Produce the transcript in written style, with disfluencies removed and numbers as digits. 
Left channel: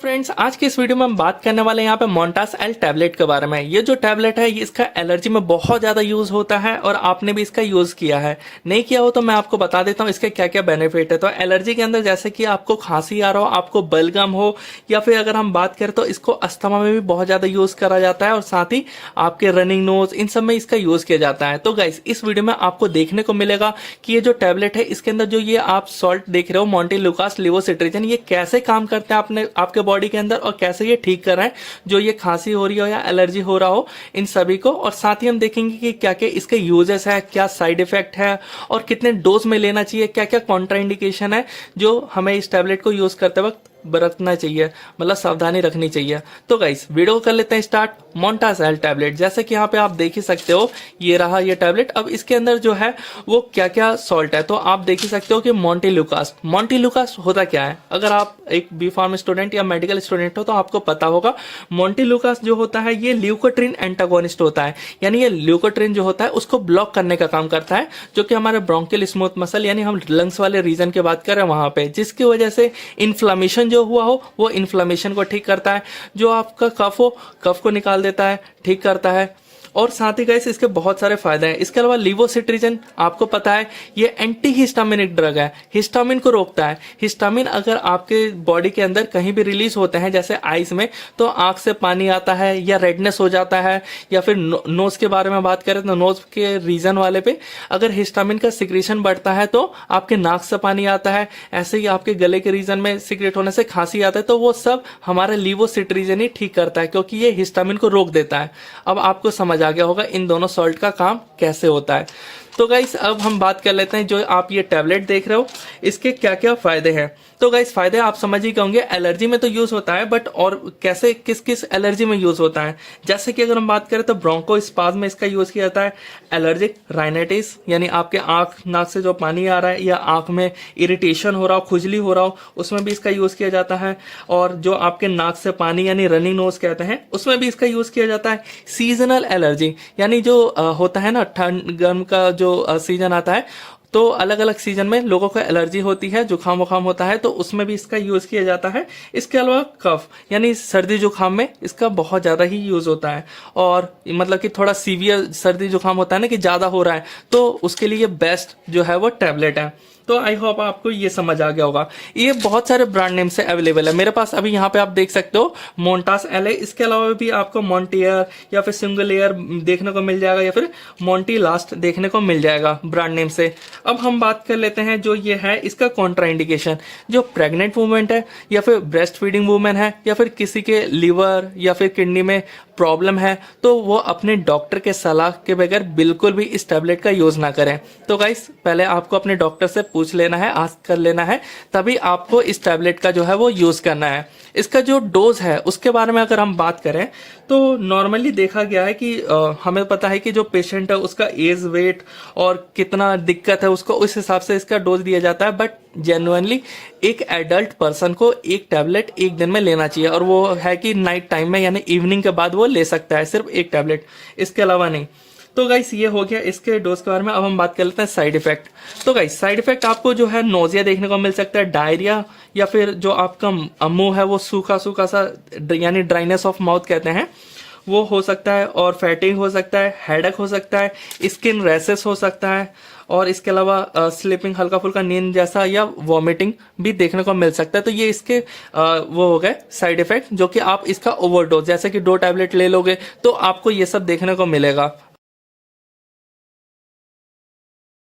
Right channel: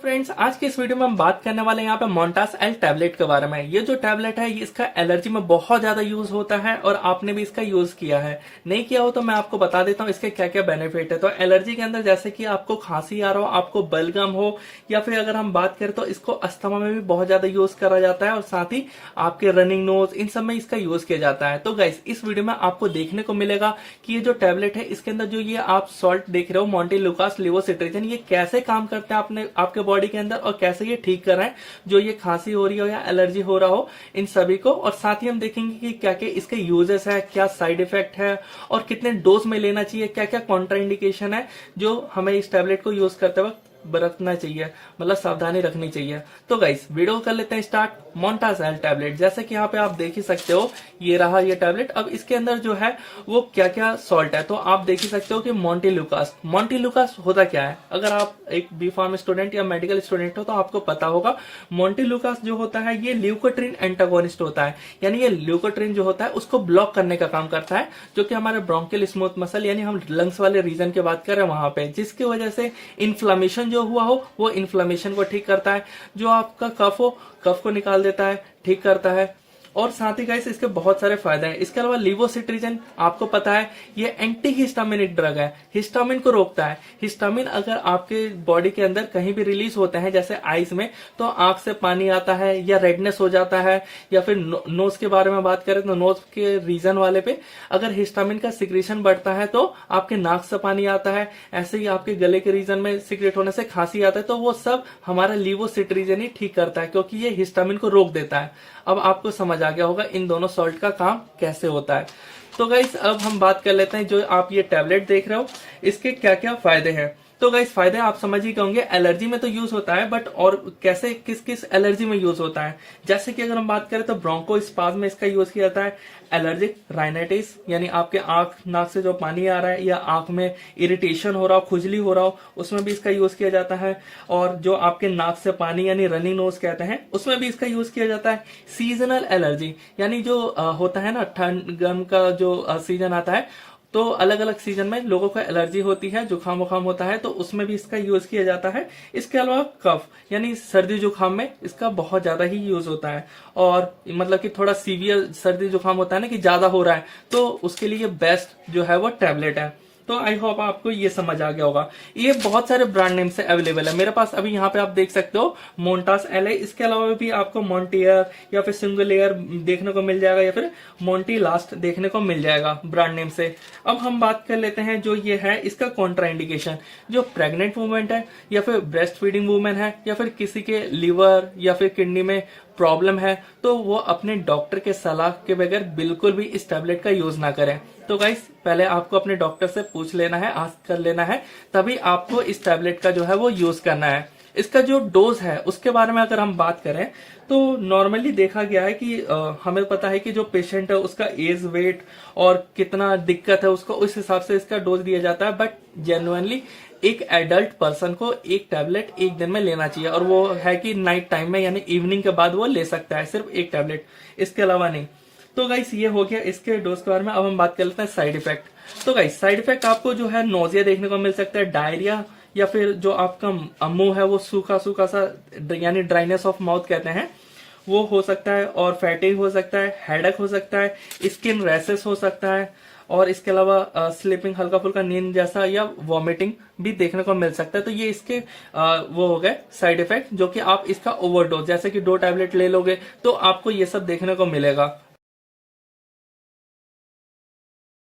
Friends, आज की इस वीडियो में हम बात करने वाले हैं यहाँ पे मोंटास एल टैबलेट के बारे में। ये जो टैबलेट है ये इसका एलर्जी में बहुत ज्यादा यूज होता है और आपने भी इसका यूज किया है। नहीं किया हो तो मैं आपको बता देता हूँ इसके क्या क्या बेनिफिट है। तो एलर्जी के अंदर जैसे कि आपको खांसी आ रहा हो, आपको बलगम हो, या फिर अगर हम बात करें तो इसको अस्थमा में भी बहुत ज्यादा यूज करा जाता है और साथ ही आपके रनिंग नोज, इन सब में इसका यूज किया जाता है। तो गाइस, इस वीडियो में आपको देखने को मिलेगा कि ये जो टैबलेट है इसके अंदर जो ये आप सॉल्ट देख रहे हो मॉन्टेलुकास लेवोसिट्रिजिन, ये कैसे काम करते हैं आपने आपके बॉडी के अंदर और कैसे ये ठीक कर रहा है जो ये खांसी हो रही हो या एलर्जी हो रहा हो इन सभी को। और साथ ही हम देखेंगे कि क्या क्या इसके यूजेस है, क्या साइड इफेक्ट है और कितने डोज में लेना चाहिए, क्या क्या कॉन्ट्राइंडिकेशन है जो हमें इस टैबलेट को यूज करते वक्त बरतना चाहिए, मतलब सावधानी रखनी चाहिए। तो गाइस, वीडियो को कर लेते हैं स्टार्ट। मोंटास एल टैबलेट, जैसे कि यहाँ पे आप देख ही सकते हो, ये रहा ये टैबलेट। अब इसके अंदर जो है वो क्या क्या सॉल्ट है तो आप देख ही सकते हो कि मॉन्टेलुकास। मॉन्टेलुकास होता क्या है? अगर आप एक बी फार्म स्टूडेंट या मेडिकल स्टूडेंट हो तो आपको पता होगा। मॉन्टेलुकास जो होता है ये ल्यूकोट्रिन एंटागोनिस्ट होता है, यानी ये ल्यूकोट्रिन जो होता है उसको ब्लॉक करने का काम करता है, जो कि हमारे ब्रोंकियल स्मूथ मसल यानी हम लंग्स वाले रीजन की बात कर रहे हैं वहां पे, जिसकी वजह से इन्फ्लामेशन जो हुआ हो वो इन्फ्लामेशन को ठीक करता है। जो आपका कफ हो, कफ को निकाल देता है, ठीक करता है। और साथ ही गाइस इसके बहुत सारे फायदे हैं। इसके अलावा लेवोसिट्रिजिन आपको पता है ये एंटी हिस्टामिनिक ड्रग है, हिस्टामिन को रोकता है। हिस्टामिन अगर आपके बॉडी के अंदर कहीं भी रिलीज होते हैं जैसे आईज में, तो आंख से पानी आता है या रेडनेस हो जाता है, या फिर नोज के बारे में बात करें तो नोज के रीजन वाले पे अगर हिस्टामिन का सिक्रेशन बढ़ता है तो आपके नाक से पानी आता है। ऐसे ही आपके गले के रीजन में सिक्रेट होने से खांसी आता है, तो वो सब हमारा लेवोसिट्रिजिन ही ठीक करता है क्योंकि ये हिस्टामिन को रोक देता है। अब आपको समझ आ गया होगा इन दोनों सॉल्ट का काम कैसे होता है। तो गाइस, अब हम बात कर लेते हैं जो आप ये टैबलेट देख रहे हो इसके क्या क्या फायदे हैं। तो गाइस, फायदे आप समझ ही होंगे। एलर्जी में तो यूज होता है, बट और कैसे किस किस एलर्जी में यूज होता है, जैसे कि अगर हम बात करें तो ब्रोंकोस्पाज्म में इसका यूज किया जाता है। एलर्जिक राइनाइटिस यानी आपके आंख नाक से जो पानी आ रहा है या आंख में इरिटेशन हो रहा हो, खुजली हो रहा हो, उसमें भी इसका यूज किया जाता है। और जो आपके नाक से पानी यानी रनिंग नोज कहते हैं, उसमें भी इसका यूज किया जाता है। सीजनल एलर्जी यानी जो होता है ना, ठंड गर्म का जो सीजन आता है, तो अलग अलग सीजन में लोगों को एलर्जी होती है, जुकाम वुखाम होता है, तो उसमें भी इसका यूज किया जाता है। इसके अलावा कफ यानी सर्दी जुकाम में इसका बहुत ज्यादा ही यूज होता है। और मतलब कि थोड़ा सीवियर सर्दी जुकाम होता है ना कि ज्यादा हो रहा है, तो उसके लिए बेस्ट जो है वो टैबलेट है। तो आई होप आपको ये समझ आ गया होगा। ये बहुत सारे ब्रांड नेम से अवेलेबल है मेरे पास। अभी यहाँ पे आप देख सकते हो मोंटास एल है। इसके अलावा भी आपको मॉन्टियर या फिर सिंगल एयर देखने को मिल जाएगा, या फिर मॉन्टी लास्ट देखने को मिल जाएगा ब्रांड नेम से। अब हम बात कर लेते हैं जो ये है इसका कॉन्ट्राइंडिकेशन। जो प्रेग्नेंट वुमेन है या फिर ब्रेस्ट फीडिंग वुमेन है या फिर किसी के लीवर या फिर किडनी में प्रॉब्लम है, तो वो अपने डॉक्टर के सलाह के बगैर बिल्कुल भी इस टैबलेट का यूज ना करें। तो गाइस, पहले आपको अपने डॉक्टर से पूछ लेना है, आस्क कर लेना है, तभी आपको इस टैबलेट का जो है वो यूज करना है। इसका जो डोज है उसके बारे में अगर हम बात करें तो नॉर्मली देखा गया है कि हमें पता है कि जो पेशेंट है उसका एज, वेट और कितना दिक्कत है उसको, उस हिसाब से इसका डोज दिया जाता है। बट जेन्युइनली एक एडल्ट पर्सन को एक टैबलेट एक दिन में लेना चाहिए, और वो है कि नाइट टाइम में यानी इवनिंग के बाद वो ले सकता है सिर्फ एक टैबलेट, इसके अलावा नहीं। तो गाइस, ये हो गया इसके डोज के बारे में। अब हम बात कर लेते हैं साइड इफेक्ट। तो गाइस, साइड इफेक्ट आपको जो है नोजिया देखने को मिल सकता है, डायरिया, या फिर जो आपका मुंह है वो सूखा सूखा सा यानी ड्राइनेस ऑफ माउथ कहते हैं, वो हो सकता है। और फैटिंग हो सकता है, हेडेक हो सकता है, स्किन रैसेस हो सकता है, और इसके अलावा स्लीपिंग, हल्का फुल्का नींद जैसा, या वॉमिटिंग भी देखने को मिल सकता है। तो ये इसके वो हो गए साइड इफेक्ट, जो कि आप इसका ओवरडोज जैसे कि 2 टैबलेट ले लोगे तो आपको ये सब देखने को मिलेगा।